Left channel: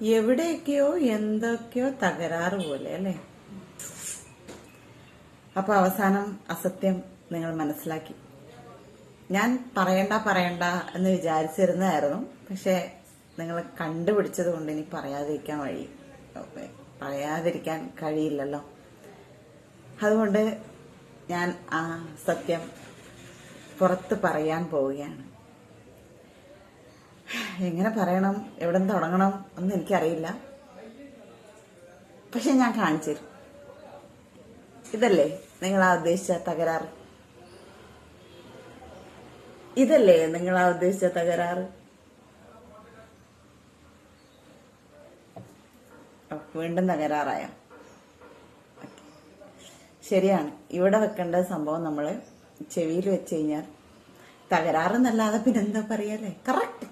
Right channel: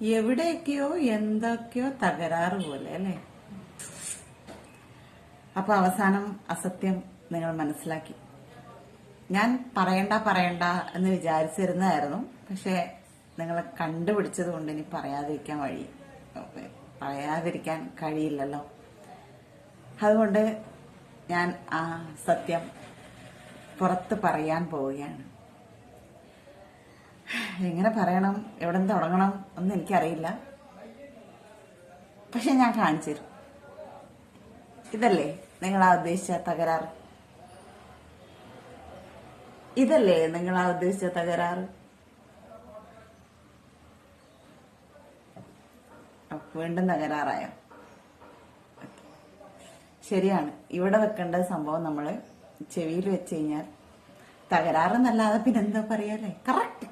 എവിടെയൊക്കെയോ എന്തൊക്കെയോ തകരാറ് പോലെ അല്ലേ. അപ്പൊ അവസാനം അസത്യം നിങ്ങൾ മനസ്സിലാക്കി. ഞാൻ പറയണ്ട എന്ന് വിചാരിച്ചിരുന്നതായിരുന്നു. പക്ഷെ നിങ്ങൾ കണ്ടുപിടിച്ചത് കൊണ്ട് ഇനി പറയാതിരിക്കാൻ കഴിയില്ലല്ലോ. അതുകൊണ്ട് ഞാൻ ആ സത്യം പുറത്ത് പറയാൻ പോവുകയാണ്. എങ്ങനെ പറയണം, എവിടെ നിന്ന് തുടങ്ങണം ഒന്നും എനിക്കറിയില്ല. പക്ഷെ ഞാൻ കാണിച്ചു തരും. ഇതല്ലേ നിങ്ങളാ ഉദ്ദേശിച്ച തകരാറ്? ഇതല്ലേ നിങ്ങളാ ഉദ്ദേശിച്ച തകരാറ്? വീണ്ടും തകരാറായ? ശരിയാണ്, ഇവിടെ വെക്കേണ്ട സംഭവം നമ്മള് ചെവിയിൽ വെച്ച് കഴിഞ്ഞാൽ തകരാറെന്നല്ലാതെ പിന്നെന്താ പറയല്ലേ. കറക്റ്റ്.